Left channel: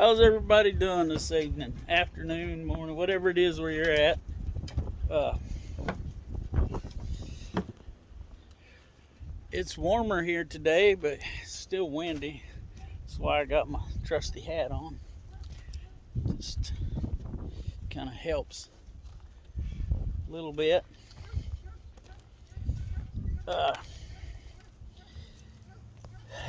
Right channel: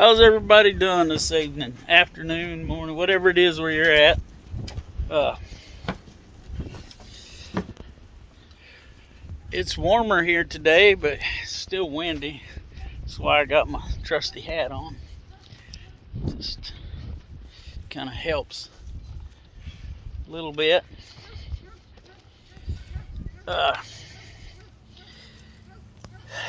How's everybody doing this evening, afternoon, morning, whatever it is where you're at? Uh, it's warmer here today, but it's still windy. That's why I got my trusty hat on. Just kind of helps a little bit.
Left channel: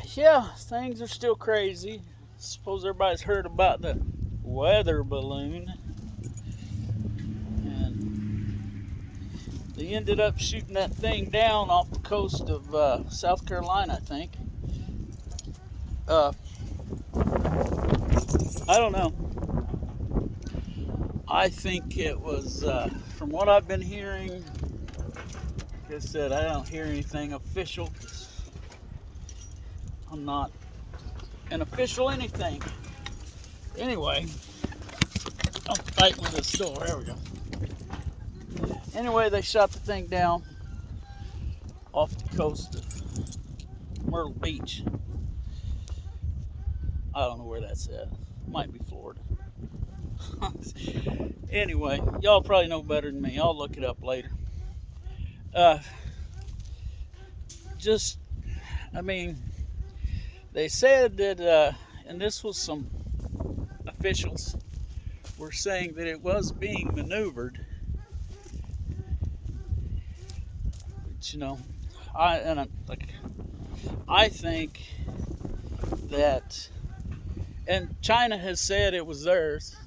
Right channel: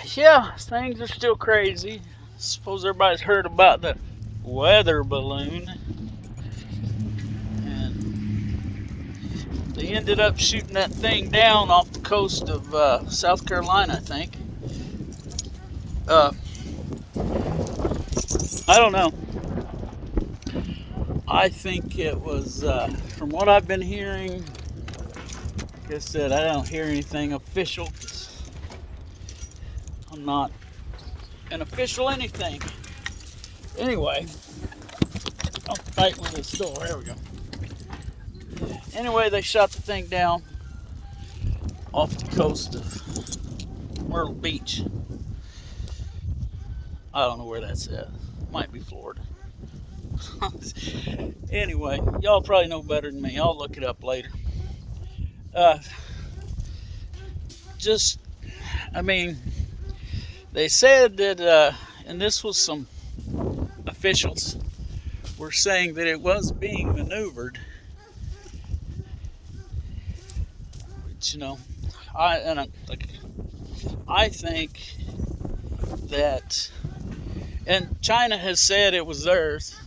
Yeah, things are still crazy. Suppose everybody's heard about the weather balloon. And they ended up shooting that thing down off the coast of South Carolina, I think. I don't know. I think it was, from what I've been hearing, like I said, I don't hear anything official. I'm not an official anything. Anyway, I'll tighten this door. There we go. Anyway, they shot the thing down off the coast of Myrtle Beach. I don't know where that's at. Might be Florida. Anyway, y'all probably know better than me. I'll look it up later. They said that, and this was some officials were saying that it was being maneuvered. Which, I think that, and China has said it was theirs.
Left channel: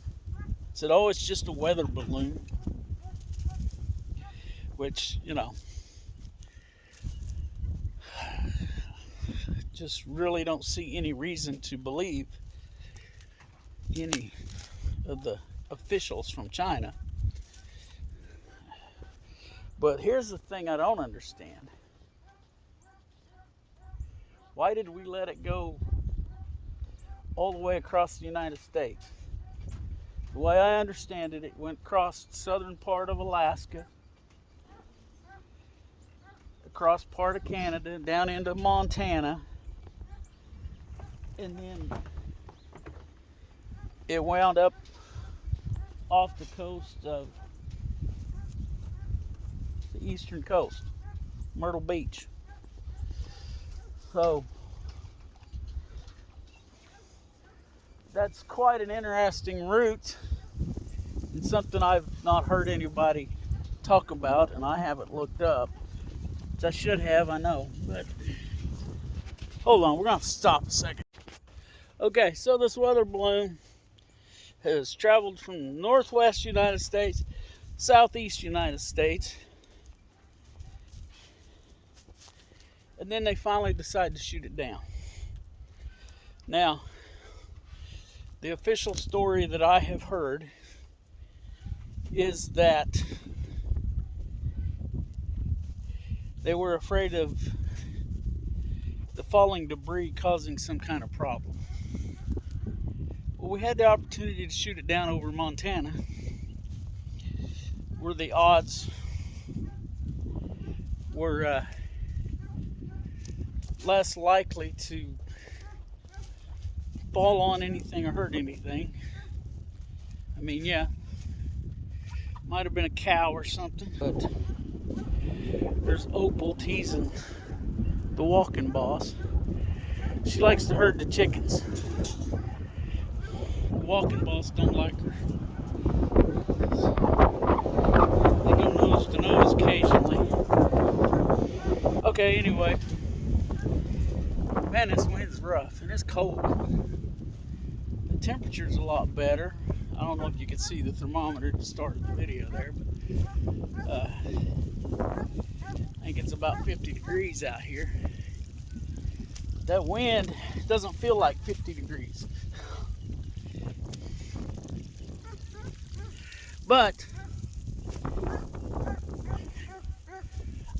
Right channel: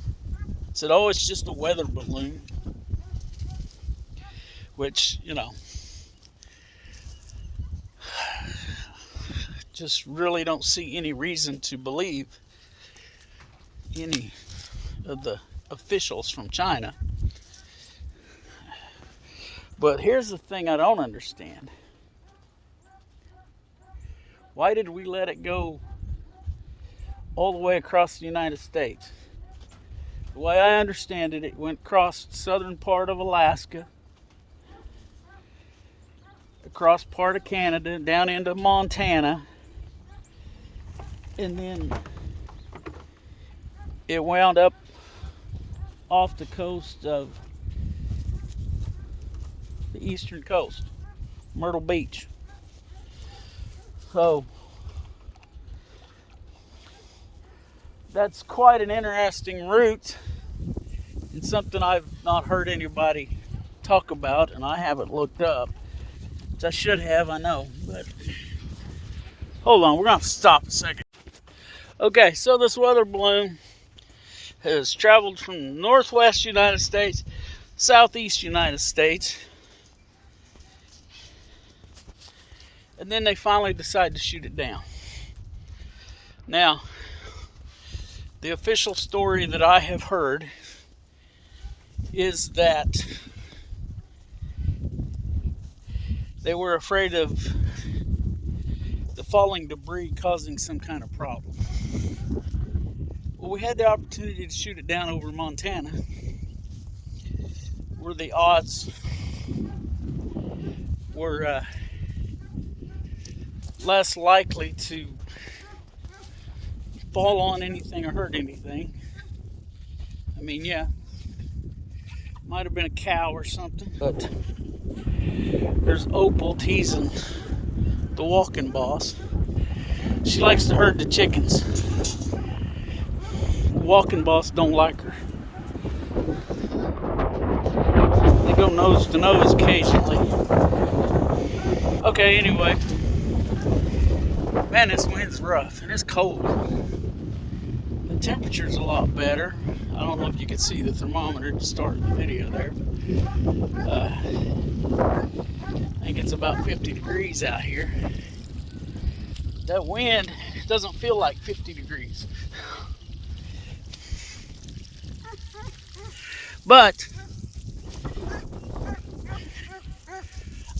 Said, oh, it's just a weather balloon. Which, just really don't see any reason to believe any of the officials from China. But here's the thing I don't understand. Why did we let it go all the way across the United States? The way I understand it, it went across the southern part of Alaska, across part of Canada, down into Montana, and then it wound up off the coast of the eastern coast, Myrtle Beach. So that's quite an interesting route, and something I've not heard anybody talk about, and I haven't looked up, which I should have, I know, but hold on, we're going to stop a second. Okay, so this weather balloon has traveled from northwest United States, southeast United States, and then they finally decide to shoot it down. Now, the official story that I have heard is that they were afraid of the falling debris causing some kind of problem. Well, we had the opportunity to shoot it down over Montana, where the odds were less likely to fall on anything or hurt anything. I mean, yeah, might have been a cow or something, but there's Opal teasing the walking boss. She likes to herd the chickens. The walking boss don't like her. They go nose to nose occasionally. Okay, anyway. Man, this wind's rough and it's cold. The temperature's a lot better. I don't know if you can see the thermometer to start the video there, but I think it's about 50 degrees out here. That wind doesn't feel like 50 degrees. But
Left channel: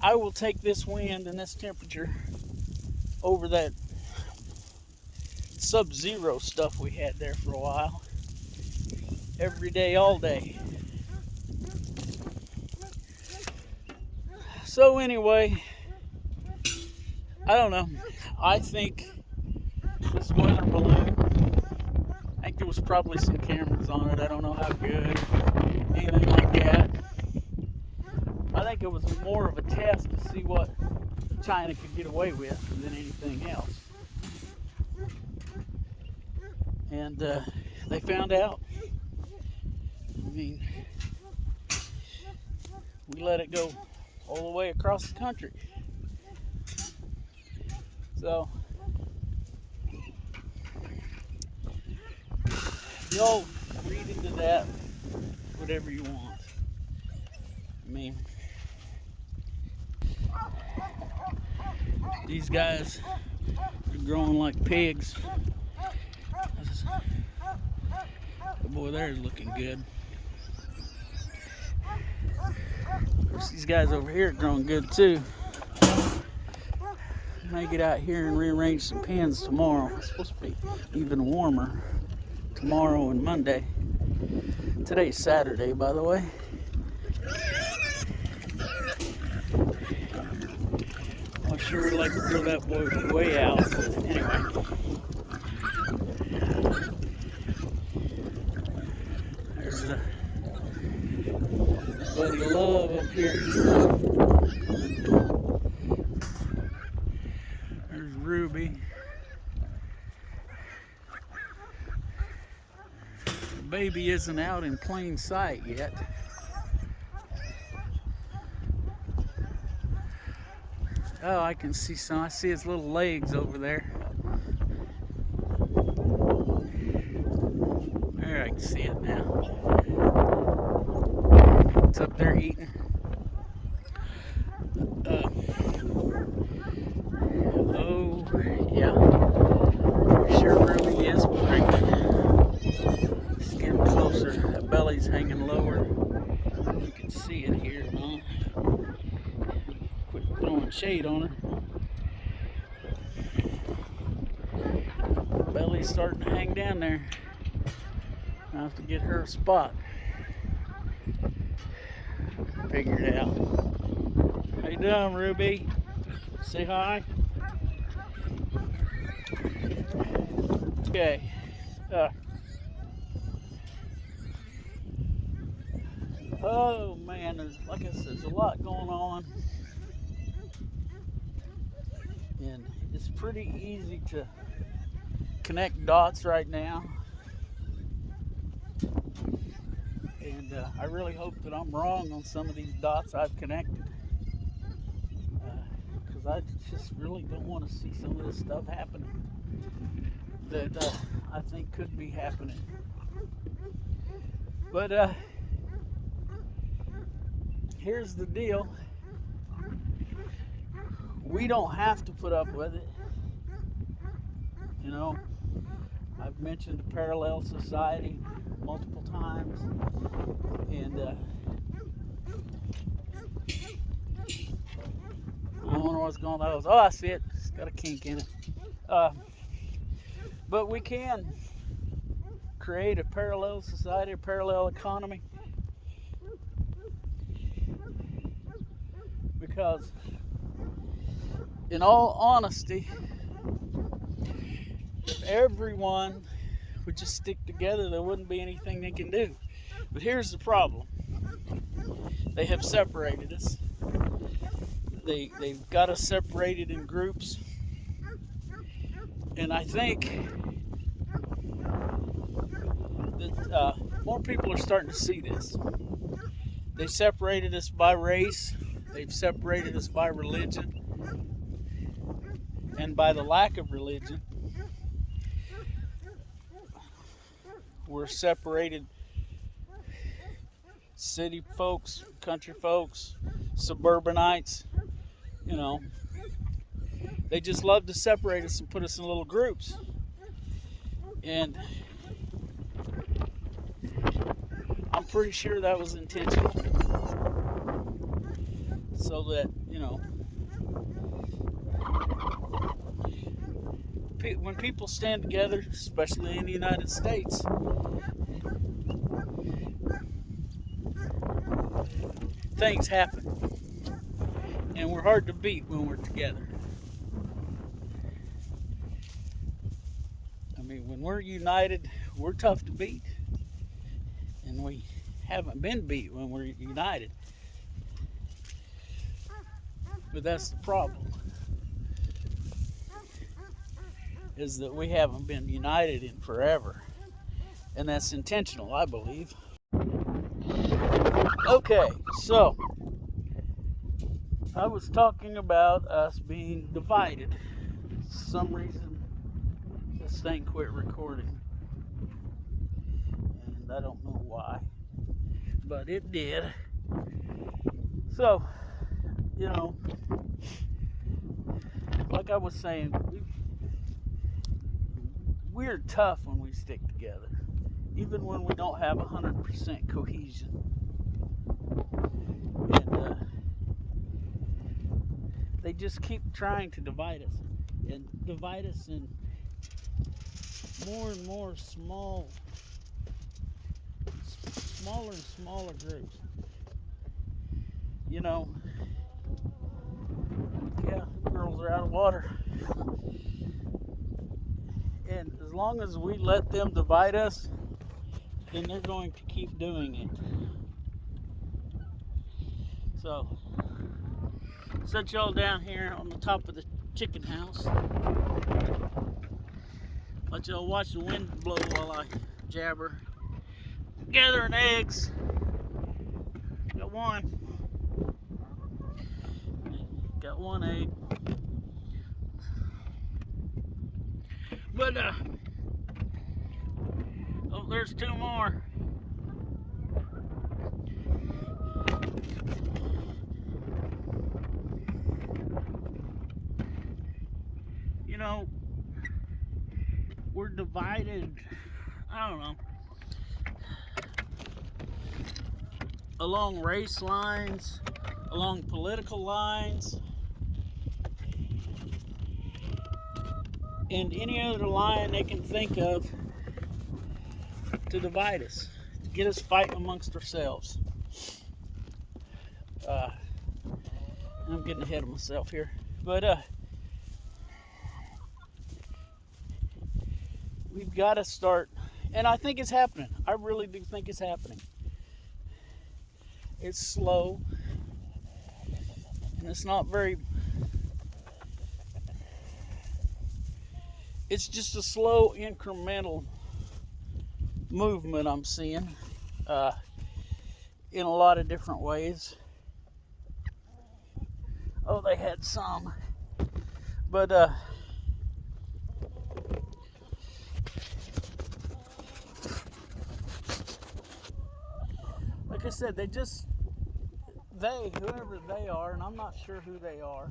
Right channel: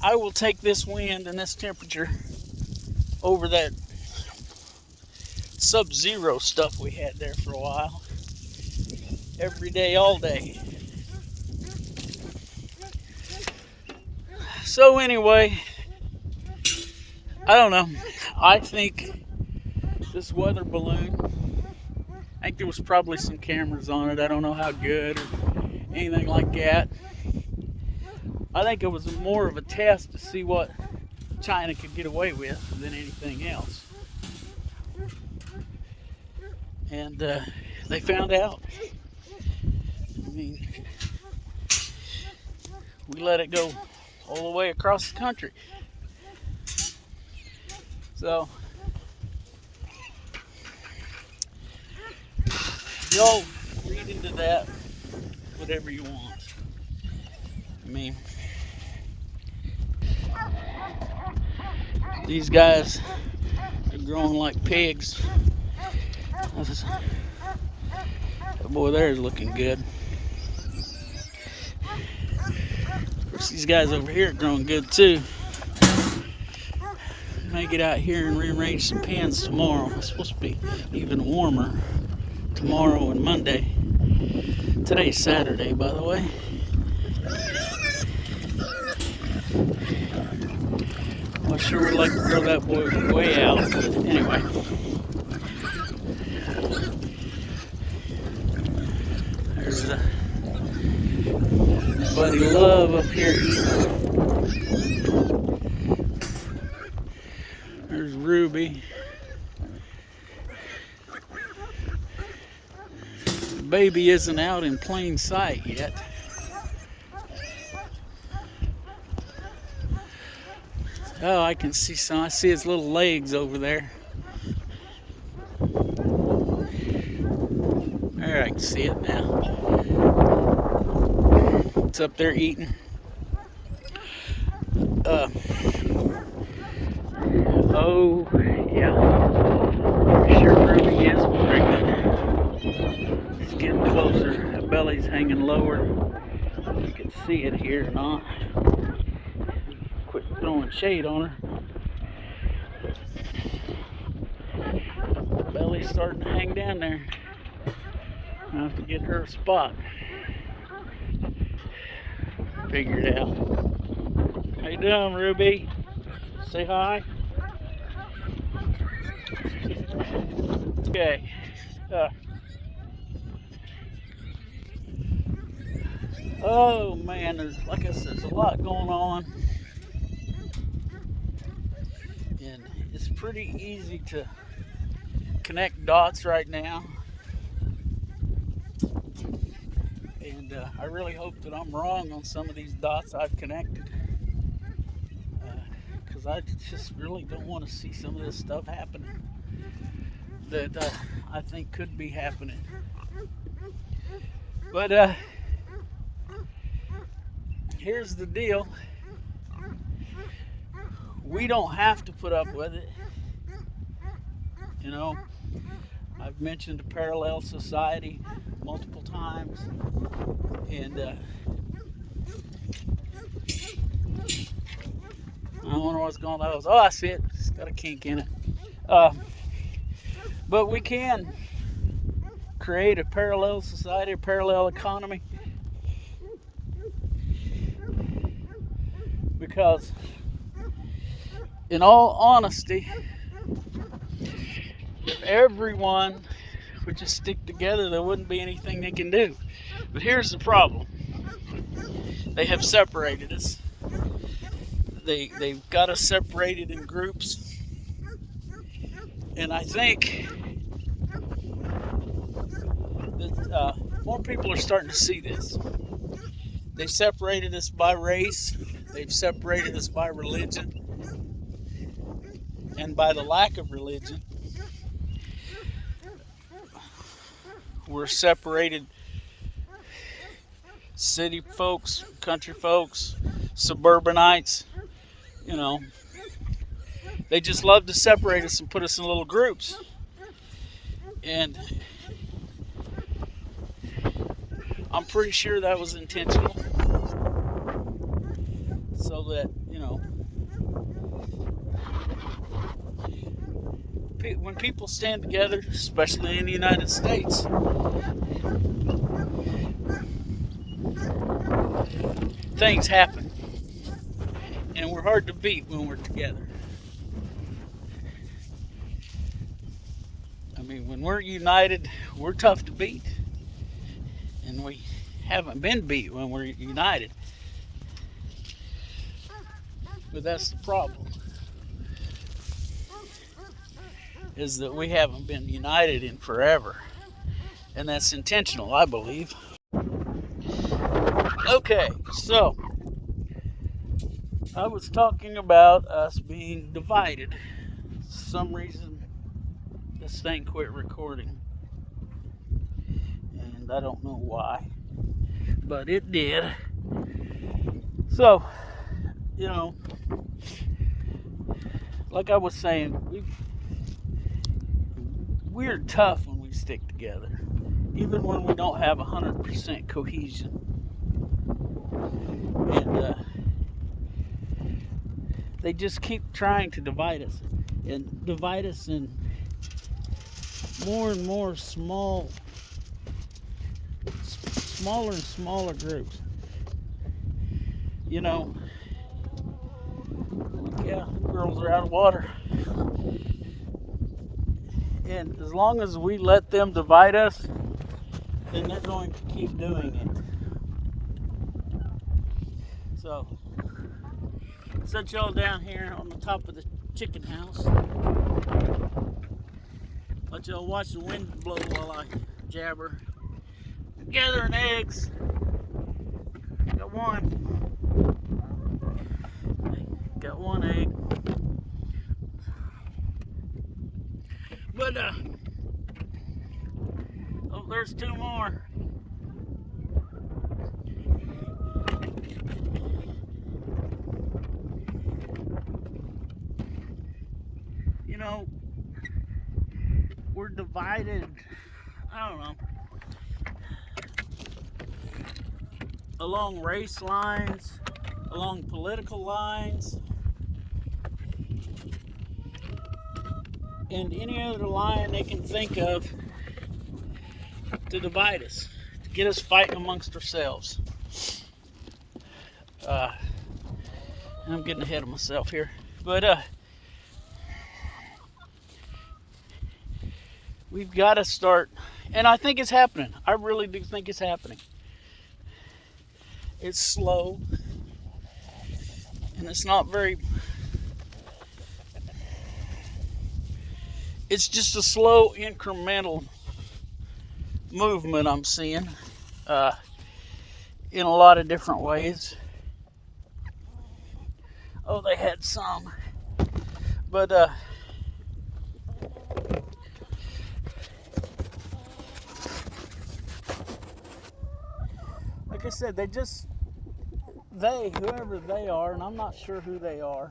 I will take this wind and this temperature over that sub-zero stuff we had there for a while. Every day, all day. So anyway, I don't know. I think this weather balloon I think there was probably some cameras on it. I don't know how good or anything like that. I think it was more of a test to see what China could get away with than anything else. And they found out. I mean, we let it go all the way across the country. So, y'all read into that whatever you want. I mean, these guys are growing like pigs. That boy there is looking good. Of course, these guys over here are growing good too. May get out here and rearrange some pens tomorrow. It's supposed to be even warmer tomorrow and Monday. Today's Saturday, by the way. I sure would like to throw that boy way out, but anyway. There's Buddy Love up here eating. There's Ruby. The baby isn't out in plain sight yet. Oh, I can see some. I see his little legs over there. There, I can see it now. It's up there eating. Oh, yeah. Sure, Ruby is pregnant. It's getting closer. That belly's hanging lower. You can see it here or not. Quit throwing shade on her. The belly's starting to hang down there. I have to get her a spot. Figure it out. How you doing, Ruby? Say hi. Okay. Oh man, like I said, there's a lot going on. And it's pretty easy to connect dots right now. And I really hope that I'm wrong on some of these dots I've connected. Because I just really don't want to see some of this stuff happening that I think could be happening. But here's the deal. We don't have to put up with it. You know, I've mentioned a parallel society multiple times, and I wonder what's going on. Oh, I see it. It's got a kink in it. But we can create a parallel society, a parallel economy, because in all honesty, if everyone would just stick together, there wouldn't be anything they can do. But here's the problem. They have separated us. They've got us separated in groups. And I think that more people are starting to see this. They separated us by race. They've separated us by religion. And by the lack of religion, we're separated. City folks, country folks, suburbanites, you know, they just love to separate us and put us in little groups. And I'm pretty sure that was intentional. So that, you know, when people stand together, especially in the United States, things happen. And we're hard to beat when we're together. I mean, mean, when we're united, we're tough to beat. And we haven't been beat when we're united. But that's the problem, is that we haven't been united in forever. And that's intentional, I believe. Okay, so I was talking about us being divided. For some reason, this thing quit recording. And I don't know why, but it did. So, you know, like I was saying, we're tough when we stick together, even when we don't have 100% cohesion. And they just keep trying to divide us in more and more smaller and smaller groups. You know, yeah, girls are out of water. And as long as we let them divide us, then they're going to keep doing it. So, set y'all down here on the top of the chicken house. Let y'all watch the wind blow while I jabber. Gathering eggs. Got one egg. But oh, there's two more. You know, we're divided, I don't know, along race lines, along political lines, and any other line they can think of to divide us, to get us fighting amongst ourselves. I'm getting ahead of myself here, but we've got to start, and I think it's happening. I really do think it's happening. It's slow, and it's not very, it's just a slow incremental movement I'm seeing in a lot of different ways. Oh, they had some, but like I said, whoever they are, and I'm not sure who they are,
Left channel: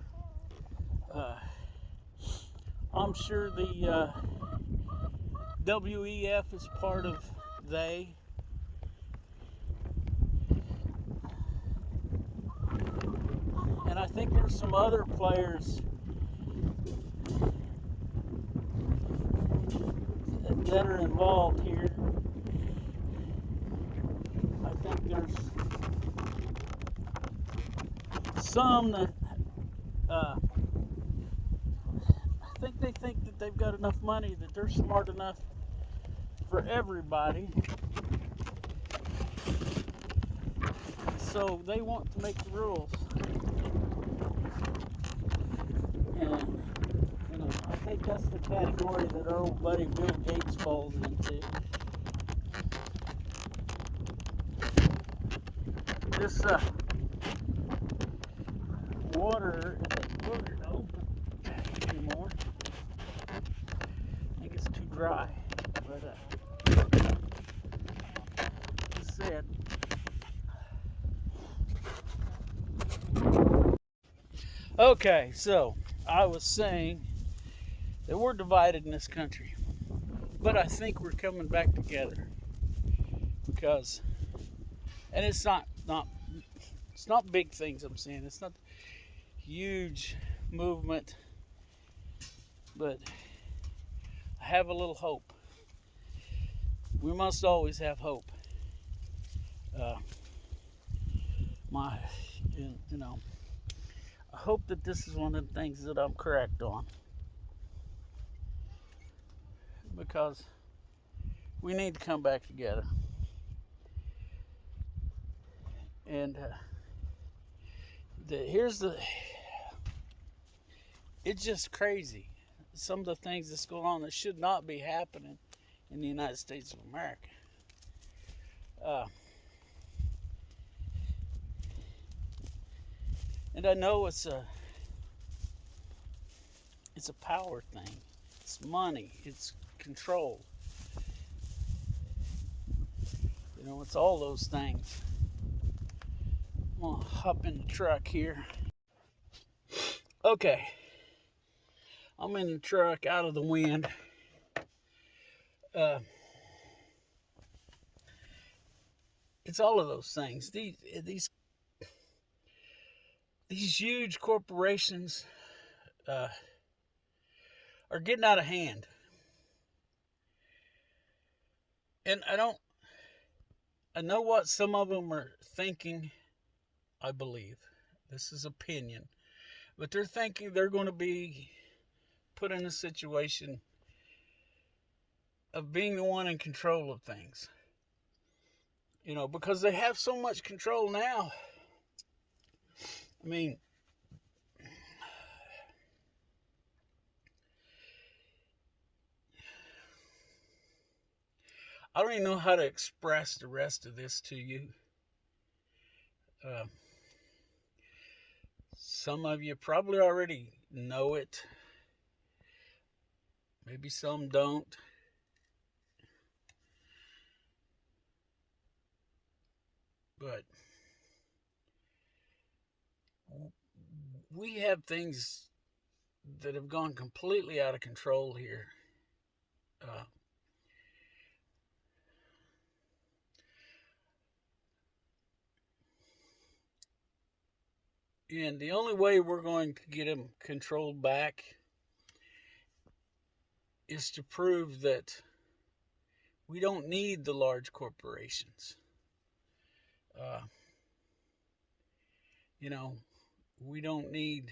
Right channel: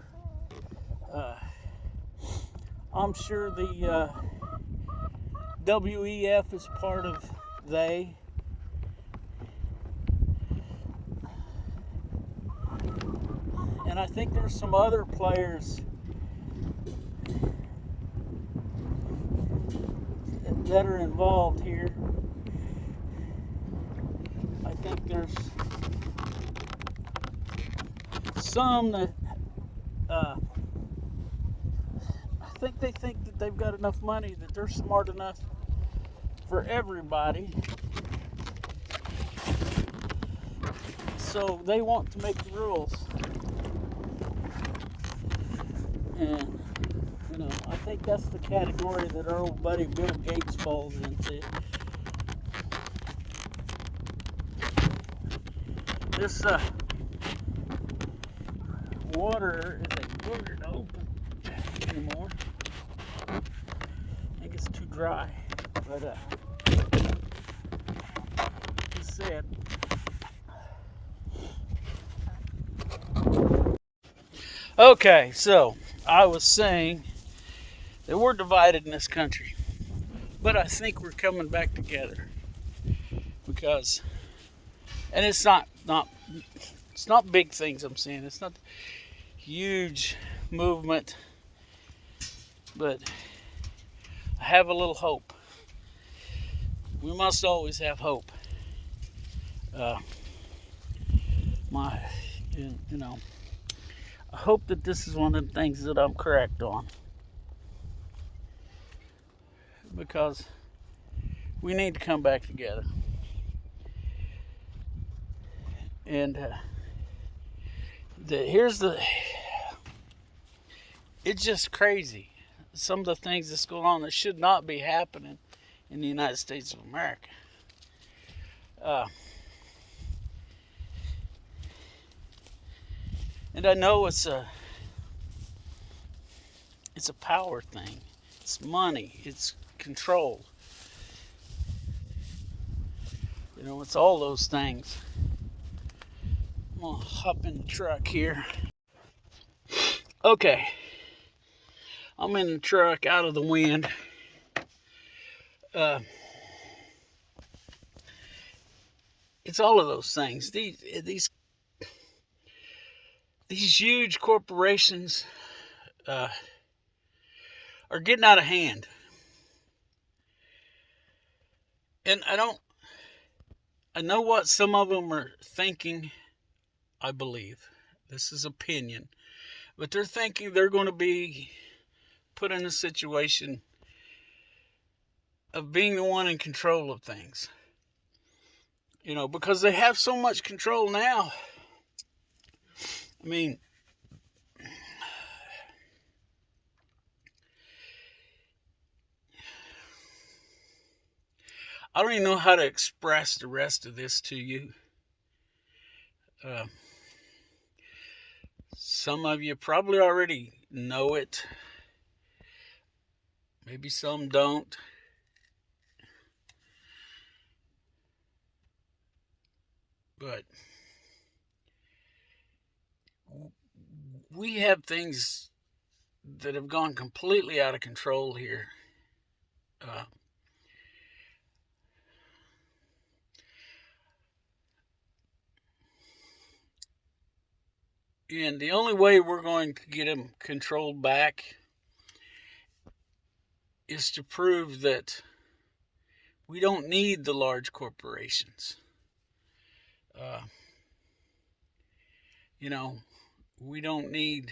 I'm sure the WEF is part of they. And I think there's some other players that are involved here. I think there's some that I think they think that they've got enough money, that they're smart enough for everybody. So they want to make the rules. And, you know, I think that's the category that our old buddy Bill Gates falls into. This water is a booger to open anymore. I think it's too dry. But just said. Okay, so I was saying that we're divided in this country, but I think we're coming back together because, and it's not big things I'm saying. It's not huge movement, but I have a little hope. We must always have hope. I hope that this is one of the things that I'm correct on. because we need to come back together. And it's just crazy. Some of the things that's going on that should not be happening in the United States of America. And I know it's a power thing. It's money. It's control. You know, it's all those things. I'm gonna hop in the truck here. Okay. I'm in the truck, out of the wind. It's all of those things. These huge corporations are getting out of hand, and I know what some of them are thinking. I believe this is opinion, but they're thinking they're going to be put in a situation of being the one in control of things. You know, because they have so much control now. I mean, I don't even know how to express the rest of this to you. Some of you probably already know it. Maybe some don't. But we have things that have gone completely out of control here. And the only way we're going to get them controlled back is to prove that we don't need the large corporations. You know, we don't need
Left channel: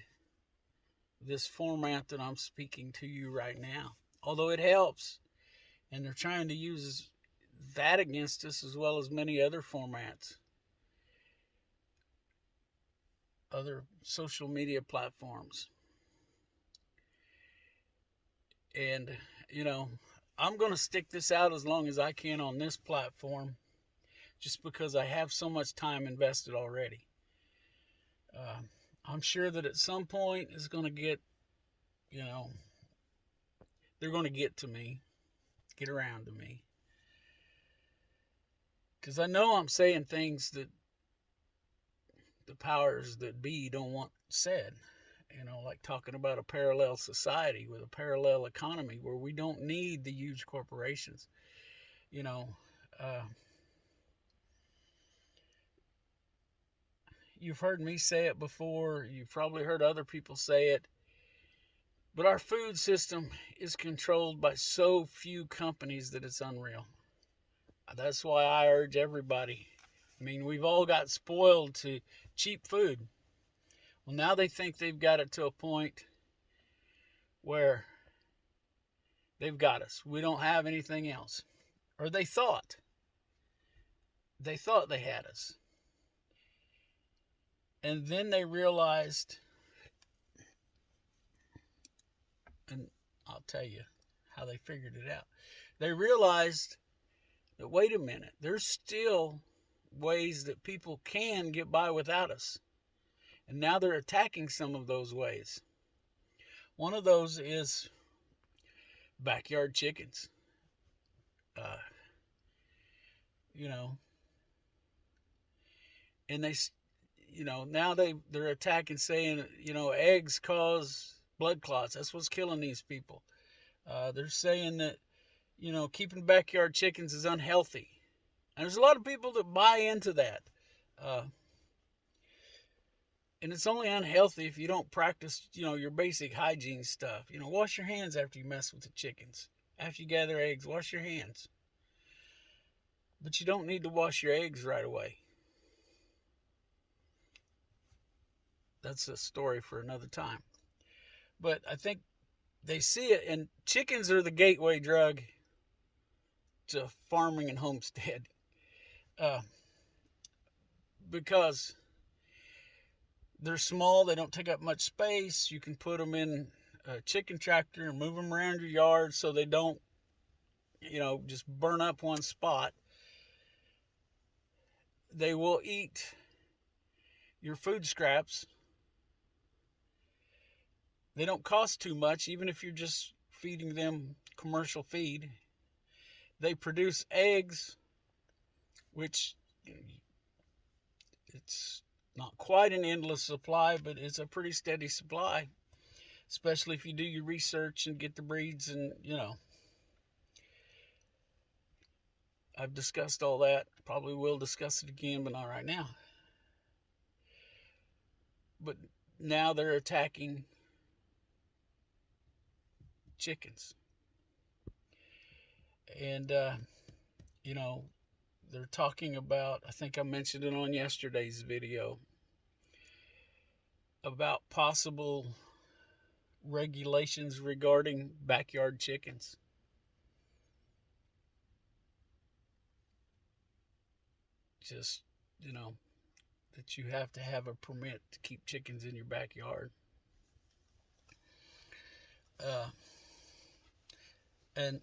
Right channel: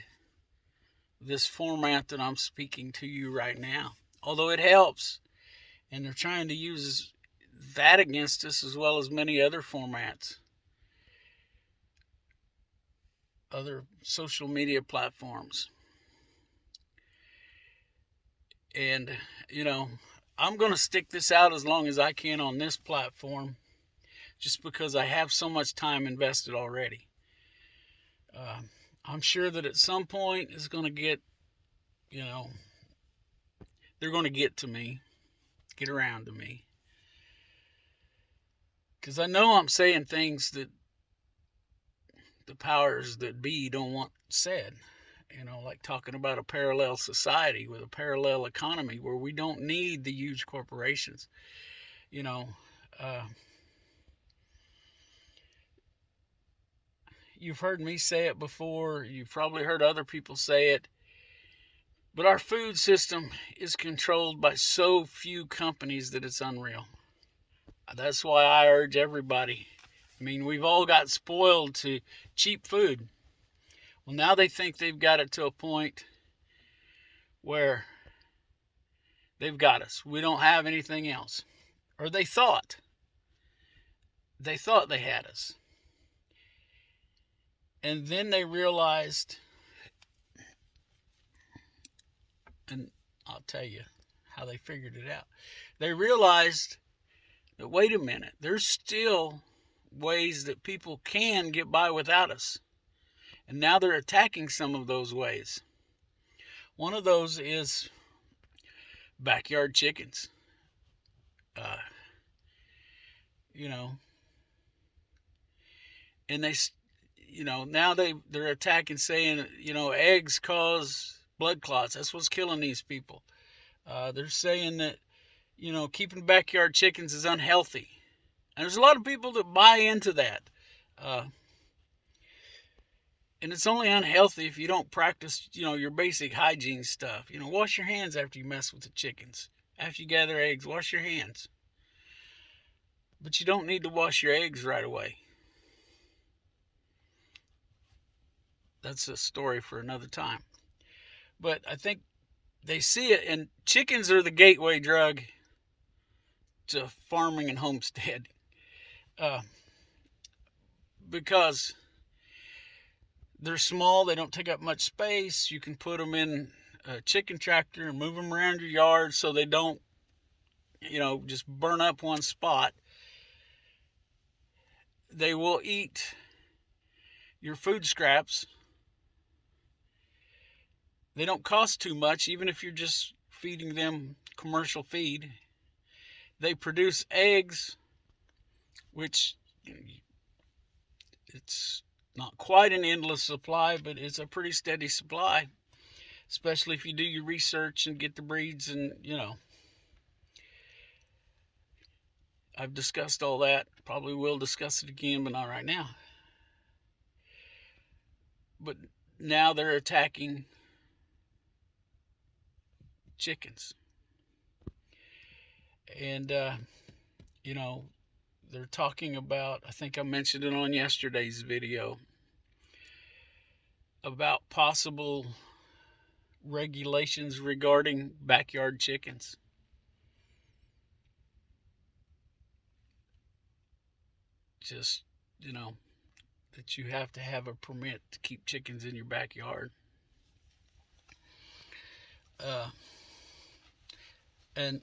this format that I'm speaking to you right now. Although it helps. And they're trying to use that against us as well as many other formats. Other social media platforms. And, you know, I'm going to stick this out as long as I can on this platform just because I have so much time invested already. I'm sure that at some point it's going to get, you know, they're going to get to me, get around to me. Because I know I'm saying things that the powers that be don't want said. You know, like talking about a parallel society with a parallel economy where we don't need the huge corporations. You know, you've heard me say it before. You've probably heard other people say it. But our food system is controlled by so few companies that it's unreal. That's why I urge everybody. I mean, we've all got spoiled to cheap food. Well, now they think they've got it to a point where they've got us. We don't have anything else. Or they thought they had us. And then they realized, and I'll tell you how they figured it out. They realized that, wait a minute, there's still ways that people can get by without us. And now they're attacking some of those ways. One of those is backyard chickens. You know, and they, you know, now they're attacking, saying, you know, eggs cause blood clots. That's what's killing these people. They're saying that, you know, keeping backyard chickens is unhealthy. And there's a lot of people that buy into that. And it's only unhealthy if you don't practice, you know, your basic hygiene stuff. You know, wash your hands after you mess with the chickens. After you gather eggs, wash your hands. But you don't need to wash your eggs right away. That's a story for another time. But I think they see it, and chickens are the gateway drug to farming and homestead, uh, because they're small, they don't take up much space. You can put them in a chicken tractor and move them around your yard so they don't, just burn up one spot. They will eat your food scraps. They don't cost too much, even if you're just feeding them commercial feed. They produce eggs, which it's not quite an endless supply, but it's a pretty steady supply, especially if you do your research and get the breeds. And I've discussed all that. Probably will discuss it again, but not right now. But now they're attacking chickens. And, they're talking about, I think I mentioned it on yesterday's video, about possible regulations regarding backyard chickens. Just, that you have to have a permit to keep chickens in your backyard. And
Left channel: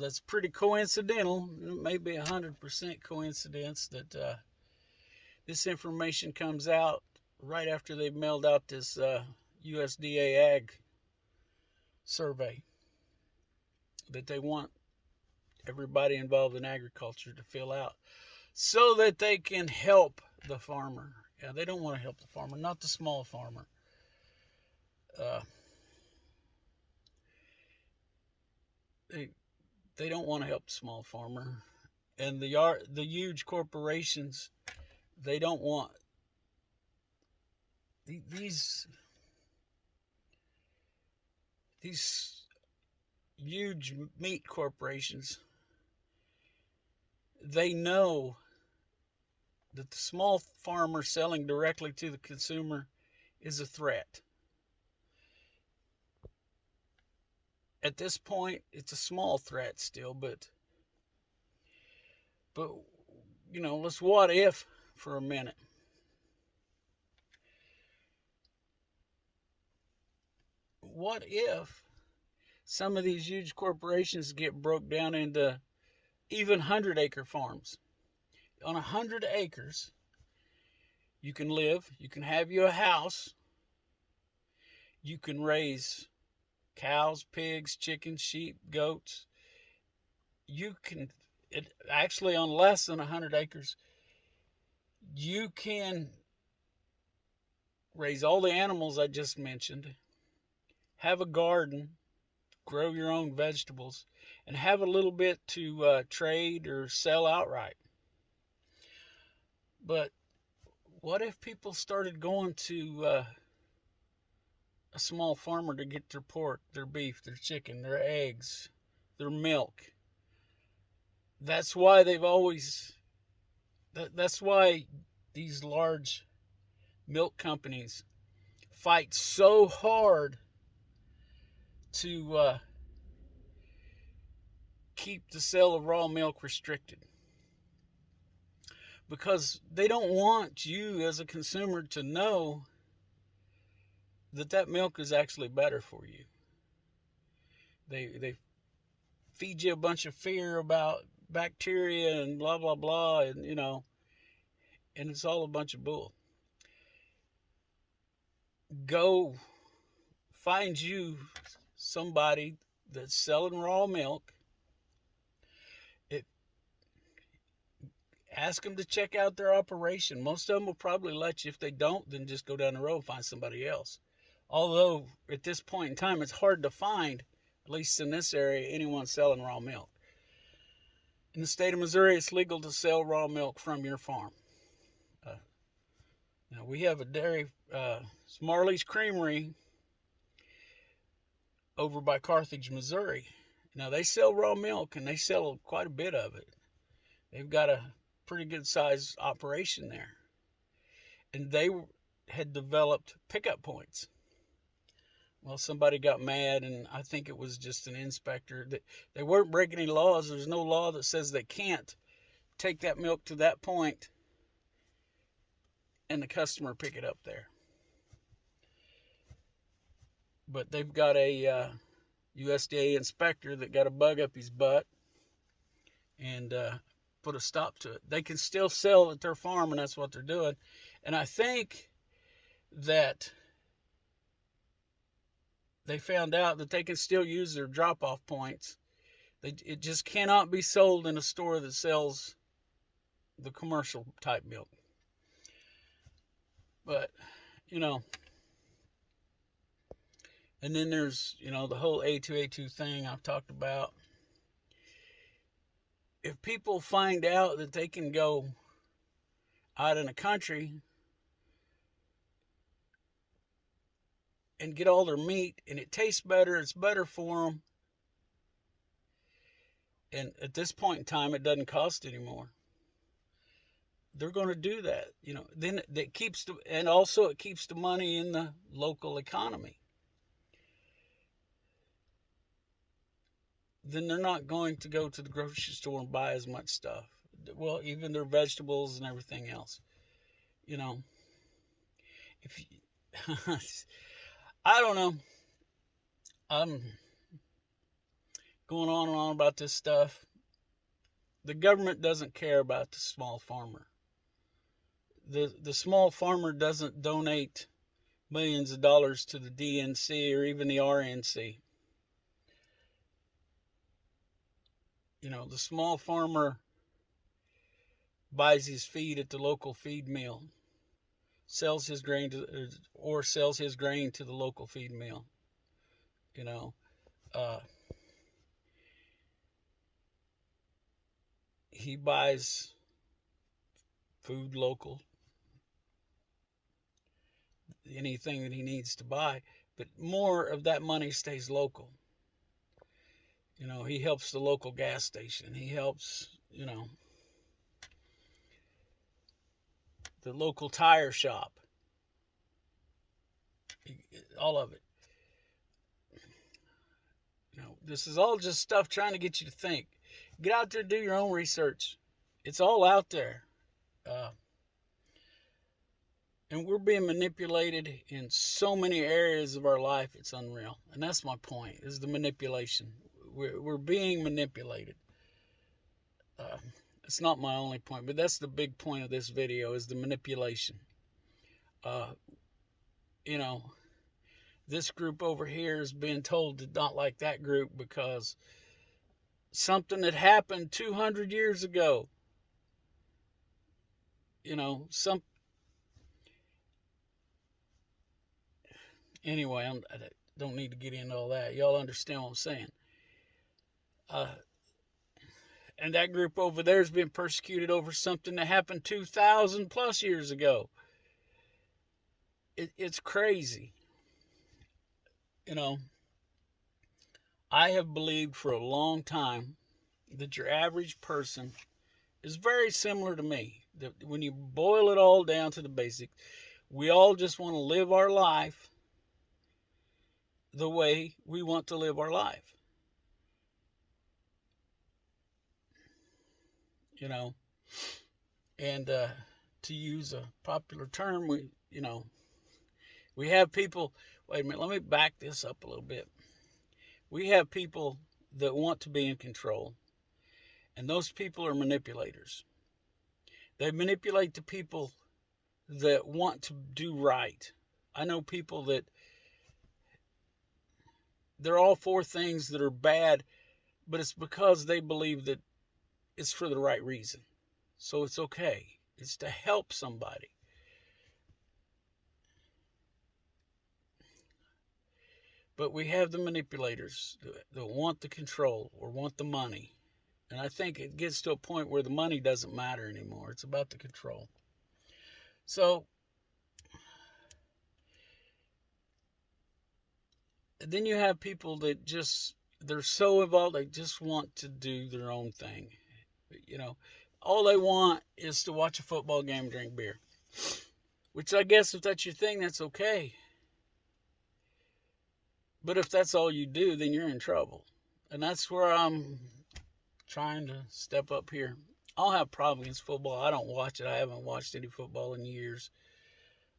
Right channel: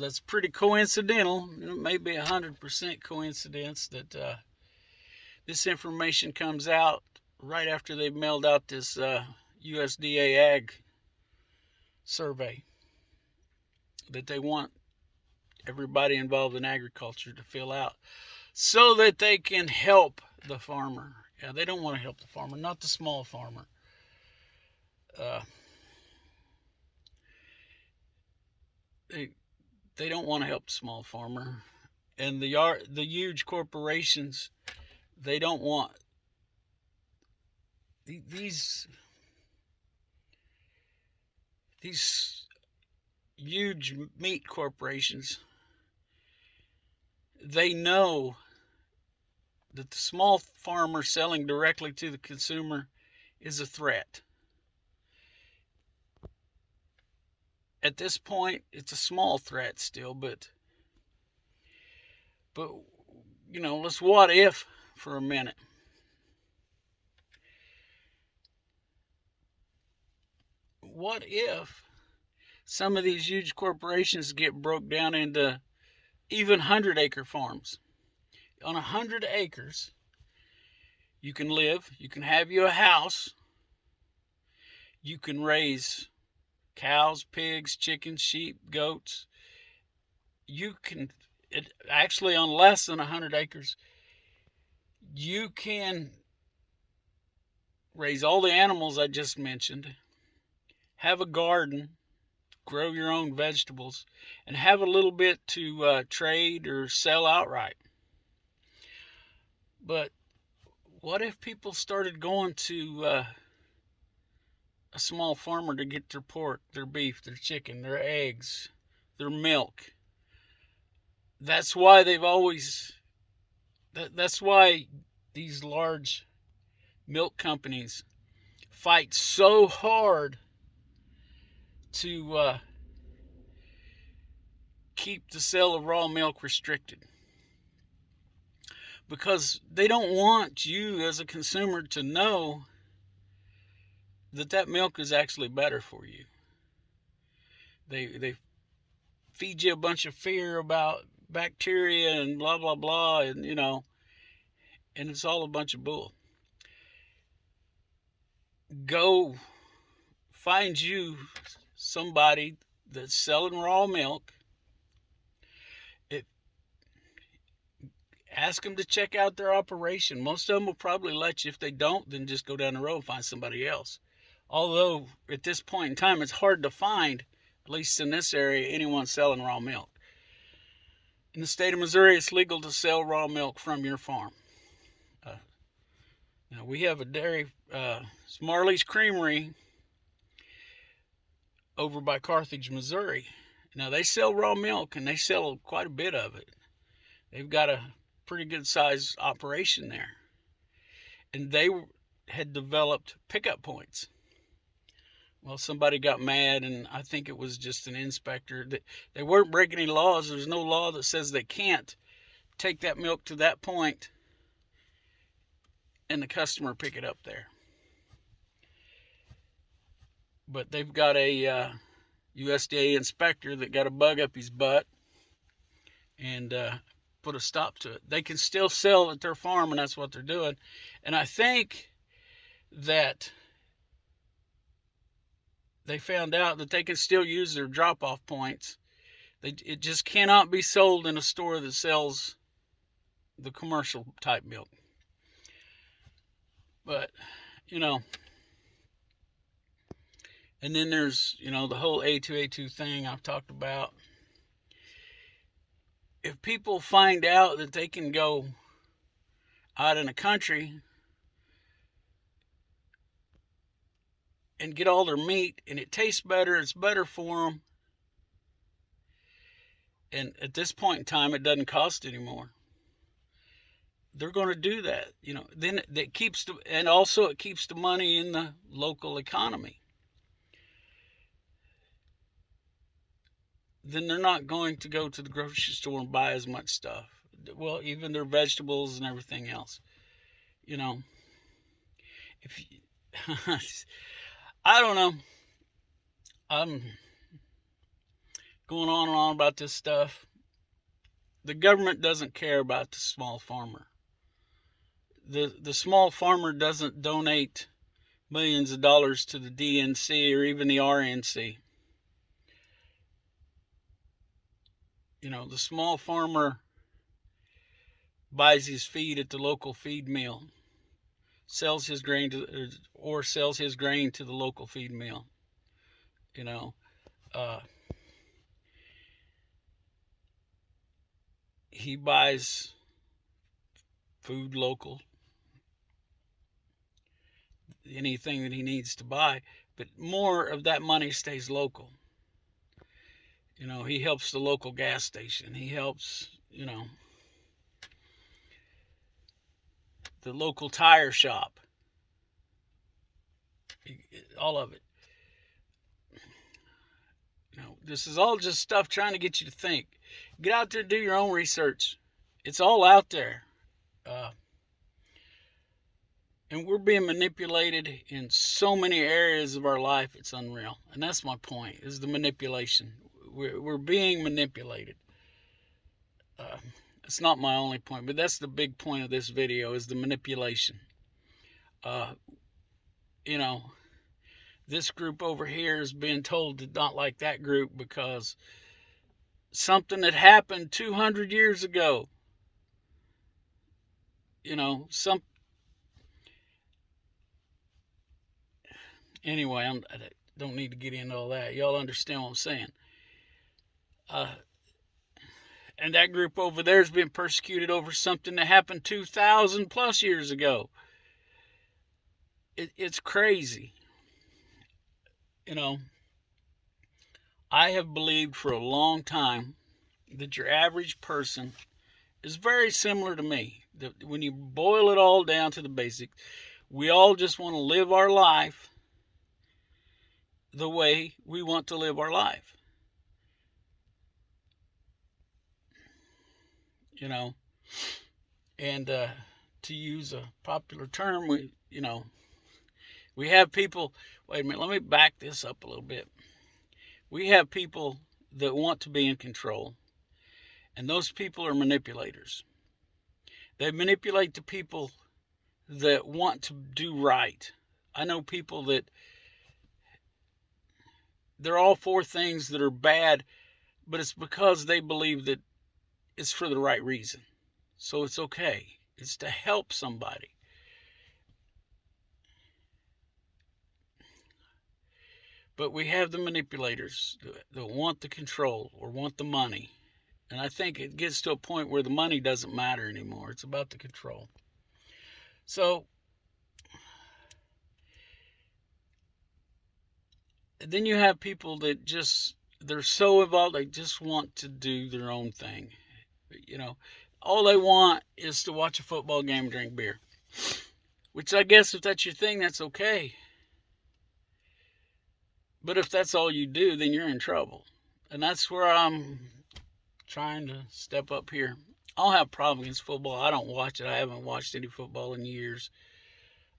that's pretty coincidental. It may be 100% coincidence that this information comes out right after they've mailed out this USDA Ag survey that they want everybody involved in agriculture to fill out so that they can help the farmer. Yeah, they don't want to help the farmer, not the small farmer. They don't want to help the small farmer, and the huge corporations, they don't want these huge meat corporations. They know that the small farmer selling directly to the consumer is a threat. At this point, it's a small threat still, but let's what if for a minute. What if some of these huge corporations get broke down into even 100-acre farms? On 100 acres, you can live, you can have you a house, you can raise cows, pigs, chickens, sheep, goats. You can, actually on less than 100 acres, you can raise all the animals I just mentioned, have a garden, grow your own vegetables, and have a little bit to trade or sell outright. But what if people started going to a small farmer to get their pork, their beef, their chicken, their eggs, their milk? That's why that's why these large milk companies fight so hard to keep the sale of raw milk restricted. Because they don't want you as a consumer to know that milk is actually better for you. They feed you a bunch of fear about bacteria and blah blah blah, and and it's all a bunch of bull. Go find you somebody that's selling raw milk. Ask them to check out their operation. Most of them will probably let you. If they don't, then just go down the road and find somebody else. Although at this point in time, it's hard to find, at least in this area, anyone selling raw milk. In the state of Missouri, it's legal to sell raw milk from your farm. Now we have a dairy, it's Marley's Creamery over by Carthage, Missouri. Now they sell raw milk, and they sell quite a bit of it. They've got a pretty good sized operation there, and they had developed pickup points Well, somebody got mad, and I think it was just an inspector. They weren't breaking any laws. There's no law that says they can't take that milk to that point and the customer pick it up there. But they've got a USDA inspector that got a bug up his butt and put a stop to it. They can still sell at their farm, and that's what they're doing. And I think that they found out that they can still use their drop-off points. It just cannot be sold in a store that sells the commercial type milk. But, you know, and then there's, you know, the whole A2A2 thing I've talked about. If people find out that they can go out in the country and get all their meat and it tastes better, it's better for them, and at this point in time it doesn't cost anymore, they're going to do that. You know, then that keeps and also it keeps the money in the local economy. Then they're not going to go to the grocery store and buy as much stuff. Well, even their vegetables and everything else. You know, if I don't know. I'm going on and on about this stuff. The government doesn't care about the small farmer. The small farmer doesn't donate millions of dollars to the DNC or even the RNC. You know, the small farmer buys his feed at the local feed mill, sells his grain to the local feed mill. You know, he buys food local, anything that he needs to buy, but more of that money stays local. You know, he helps the local gas station. He helps, you know, the local tire shop. All of it. You know, this is all just stuff trying to get you to think. Get out there and do your own research. It's all out there. And we're being manipulated in so many areas of our life, it's unreal. And that's my point, is the manipulation. We're being manipulated. It's not my only point, but that's the big point of this video, is the manipulation. You know, this group over here is being told to not like that group because something that happened 200 years ago. You know, anyway, I don't need to get into all that. Y'all understand what I'm saying. And that group over there has been persecuted over something that happened 2,000 plus years ago. It's crazy. You know, I have believed for a long time that your average person is very similar to me. That when you boil it all down to the basics, we all just want to live our life the way we want to live our life. You know, and to use a popular term, we have people. Wait a minute, let me back this up a little bit. We have people that want to be in control, and those people are manipulators. They manipulate the people that want to do right. I know people that they're all for things that are bad, but it's because they believe that it's for the right reason. So it's okay. It's to help somebody. But we have the manipulators that want the control or want the money. And I think it gets to a point where the money doesn't matter anymore. It's about the control. So then you have people that they're so involved, they just want to do their own thing. You know, all they want is to watch a football game and drink beer. Which I guess if that's your thing, that's okay. But if that's all you do, then you're in trouble. And that's where I'm trying to step up here. I don't have a problem against football. I don't watch it. I haven't watched any football in years.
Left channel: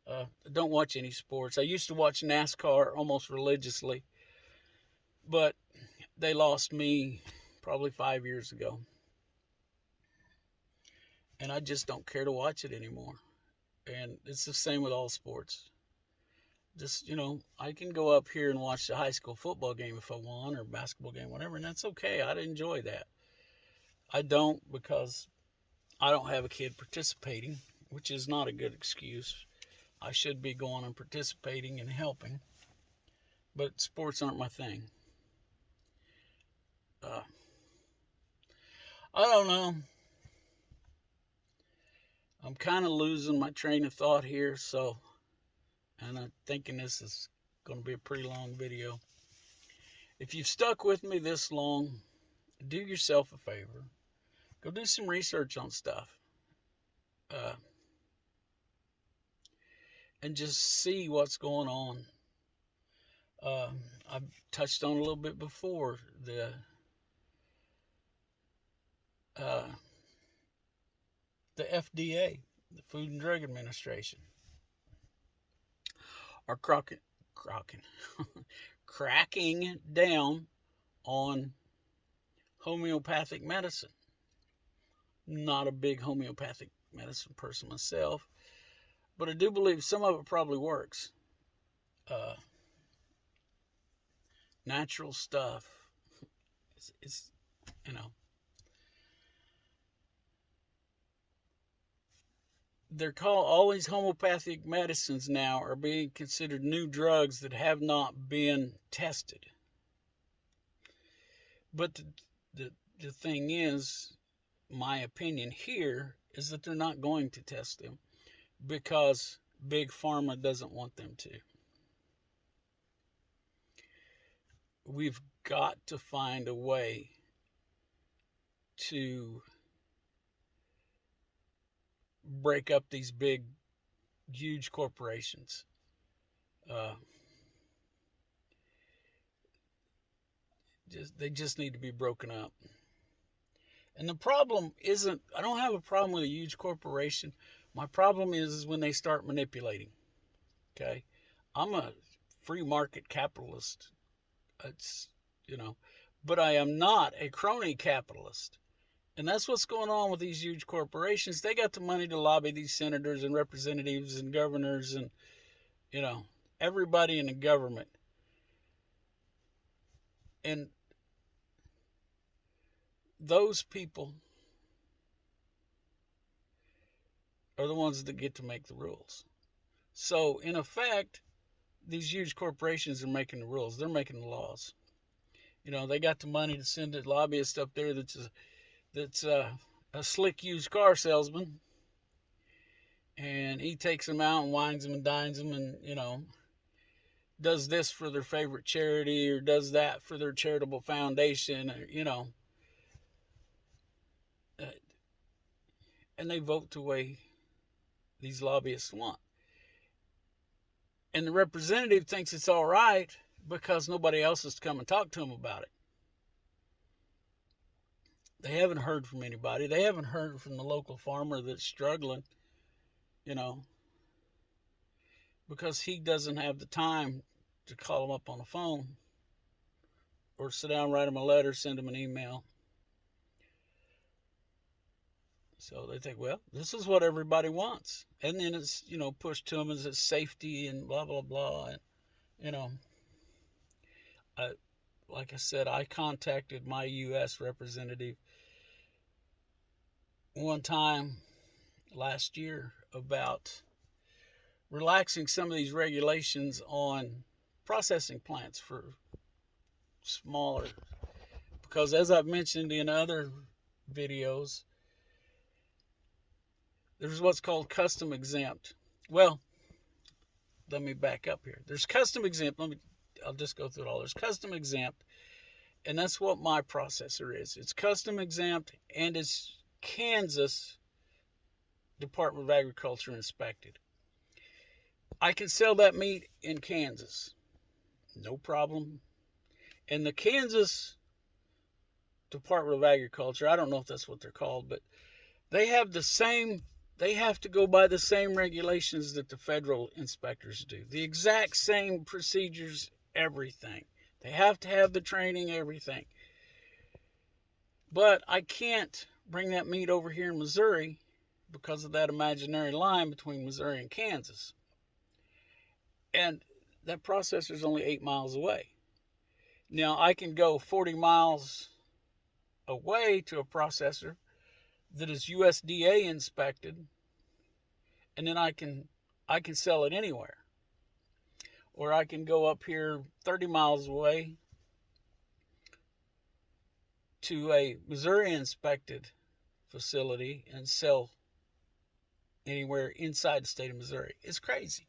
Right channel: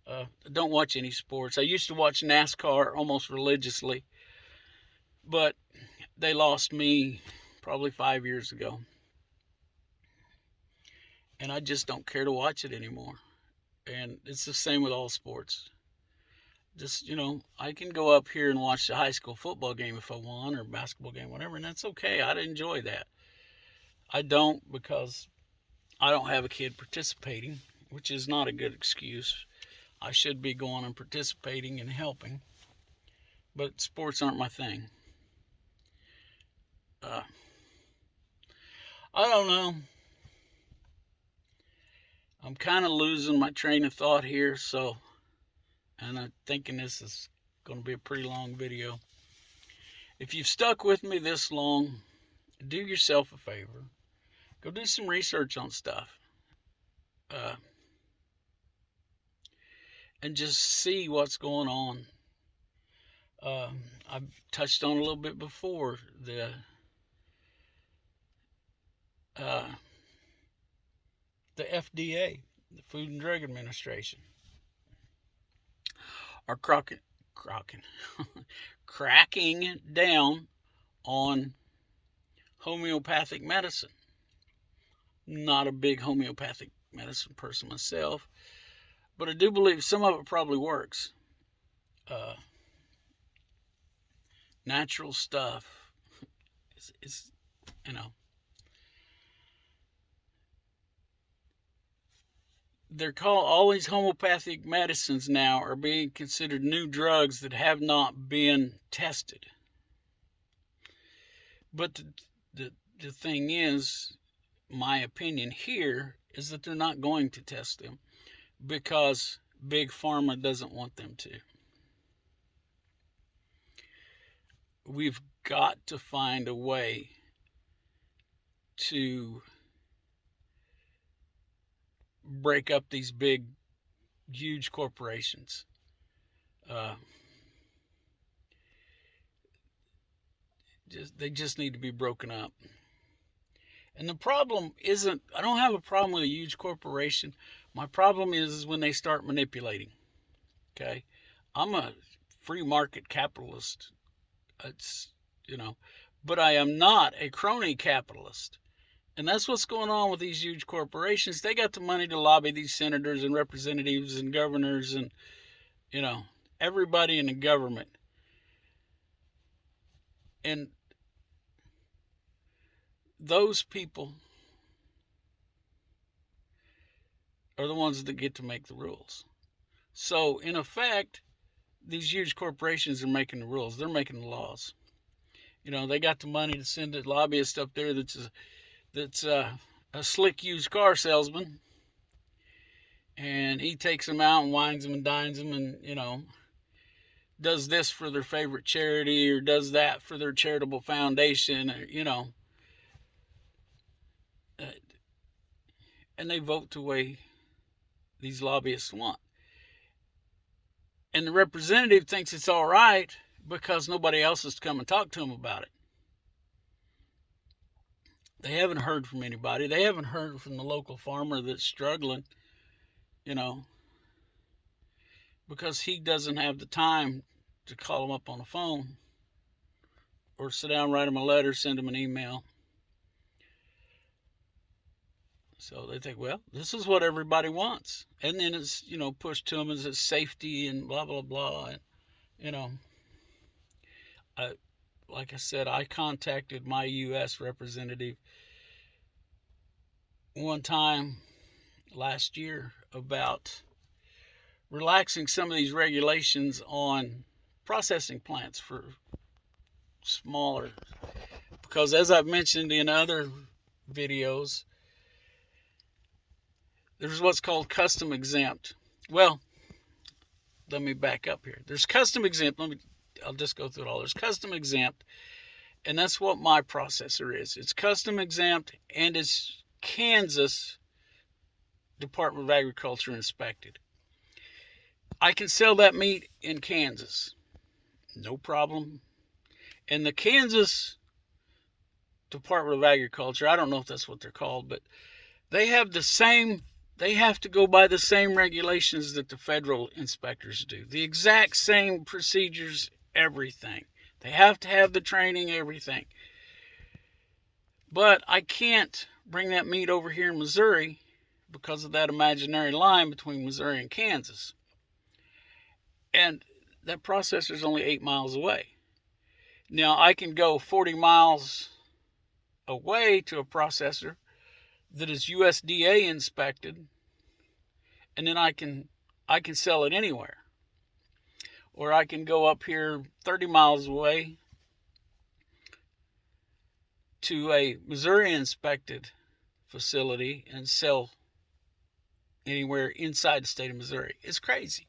I don't watch any sports. I used to watch NASCAR almost religiously, but they lost me probably 5 years ago. And I just don't care to watch it anymore. And it's the same with all sports. Just, I can go up here and watch the high school football game if I want, or basketball game, whatever, and that's okay. I'd enjoy that. I don't, because I don't have a kid participating, which is not a good excuse. I should be going and participating and helping, but sports aren't my thing. I don't know. I'm kind of losing my train of thought here, and I'm thinking this is going to be a pretty long video. If you've stuck with me this long, do yourself a favor. Go do some research on stuff. And just see what's going on. I've touched on a little bit before the FDA, the Food and Drug Administration, are cracking down on homeopathic medicine. Not a big homeopathic medicine person myself, but I do believe some of it probably works. Natural stuff is, they're called, all these homeopathic medicines now are being considered new drugs that have not been tested. But the thing is, my opinion here is that they're not going to test them because Big Pharma doesn't want them to. We've got to find a way to break up these big, huge corporations. They just need to be broken up. And the problem isn't, I don't have a problem with a huge corporation. My problem is when they start manipulating. Okay? I'm a free market capitalist. But I am not a crony capitalist. And that's what's going on with these huge corporations. They got the money to lobby these senators and representatives and governors and, everybody in the government. And those people are the ones that get to make the rules. So, in effect, these huge corporations are making the rules. They're making the laws. They got the money to send a lobbyist up there that's a slick used car salesman, and he takes them out and wines them and dines them, and does this for their favorite charity or does that for their charitable foundation, or and they vote the way these lobbyists want. And the representative thinks it's all right because nobody else has come and talked to him about it. They haven't heard from anybody. They haven't heard from the local farmer that's struggling, because he doesn't have the time to call him up on the phone or sit down, write him a letter, send him an email. So they think, well, this is what everybody wants. And then it's, pushed to them as it's safety and blah, blah, blah. And, like I said, I contacted my U.S. representative one time last year about relaxing some of these regulations on processing plants for smaller. Because as I've mentioned in other videos, there's what's called custom exempt. Well, let me back up here. There's custom exempt. I'll just go through it all. There's custom exempt, and that's what my processor is. It's custom exempt, and it's Kansas Department of Agriculture inspected. I can sell that meat in Kansas. No problem. And the Kansas Department of Agriculture, I don't know if that's what they're called, but they have to go by the same regulations that the federal inspectors do. The exact same procedures, everything. They have to have the training, everything. But I can't bring that meat over here in Missouri because of that imaginary line between Missouri and Kansas. And that processor is only 8 miles away. Now, I can go 40 miles away to a processor that is USDA inspected, and then I can sell it anywhere. Or I can go up here 30 miles away to a Missouri inspected facility and sell anywhere inside the state of Missouri. It's crazy.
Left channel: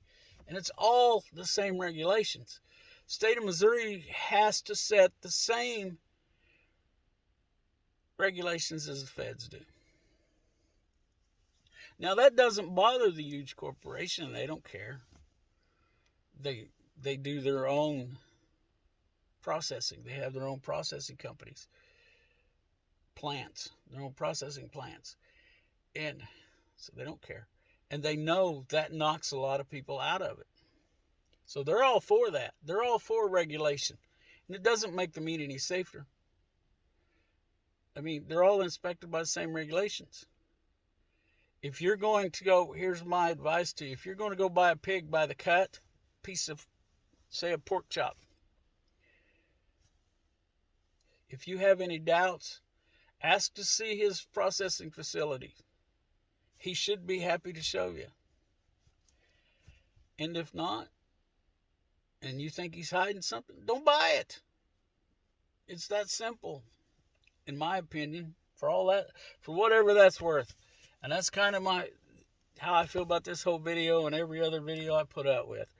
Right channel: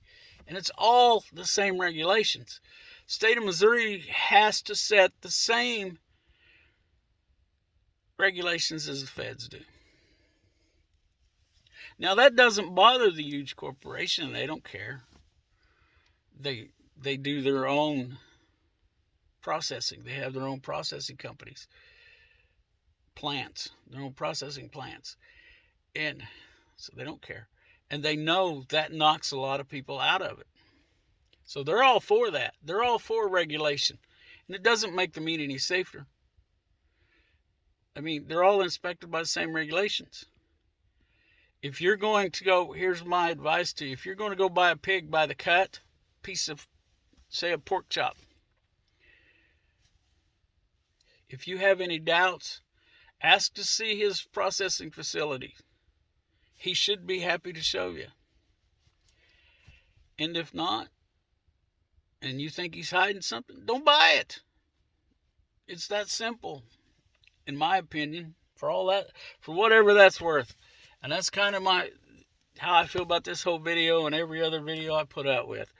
And it's all the same regulations. State of Missouri has to set the same regulations as the feds do. Now, that doesn't bother the huge corporation. They don't care. They do their own processing. They have their own processing companies, plants, their own processing plants. And so they don't care. And they know that knocks a lot of people out of it. So they're all for that. They're all for regulation. And it doesn't make the meat any safer. I mean, they're all inspected by the same regulations. If you're going to go, here's my advice to you. If you're going to go buy a pig by the cut, piece of, say, a pork chop, if you have any doubts, ask to see his processing facility. He should be happy to show you. And if not, and you think he's hiding something, don't buy it. It's that simple, in my opinion, for all that, for whatever that's worth. And that's kind of how I feel about this whole video and every other video I put out with.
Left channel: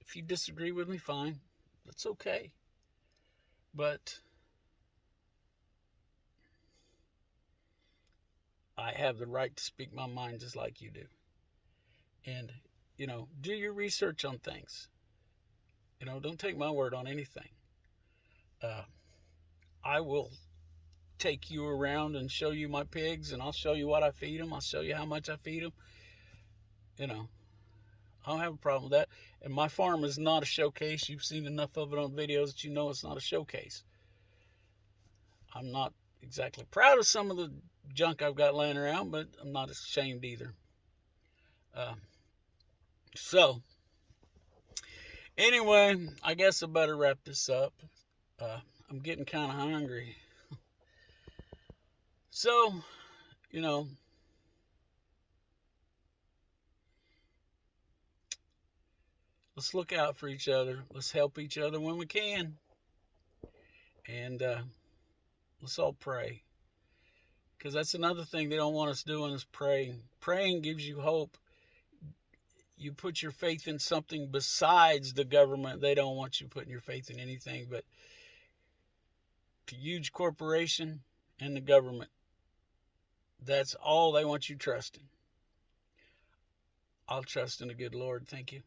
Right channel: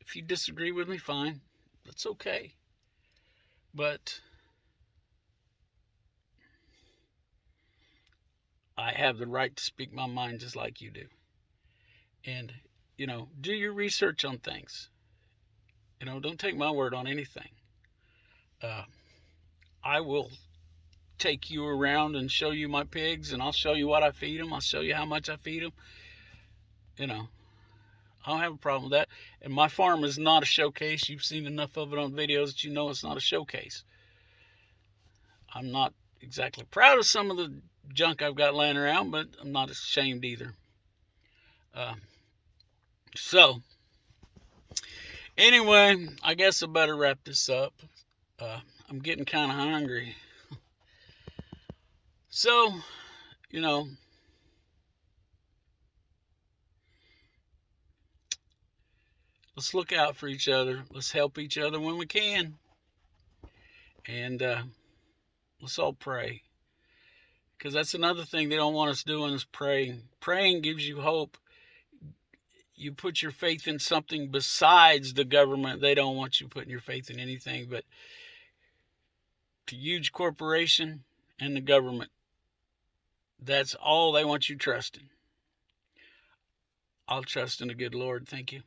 If you disagree with me, fine. That's okay. But I have the right to speak my mind just like you do. And, do your research on things. Don't take my word on anything. I will take you around and show you my pigs, and I'll show you what I feed them. I'll show you how much I feed them. I don't have a problem with that. And my farm is not a showcase. You've seen enough of it on videos that you know it's not a showcase. I'm not exactly proud of some of the junk I've got laying around, but I'm not ashamed either. So, anyway, I guess I better wrap this up. I'm getting kind of hungry. So, let's look out for each other. Let's help each other when we can. And let's all pray. Because that's another thing they don't want us doing is praying. Praying gives you hope. You put your faith in something besides the government. They don't want you putting your faith in anything but the huge corporation and the government. That's all they want you trusting. I'll trust in the good Lord. Thank you.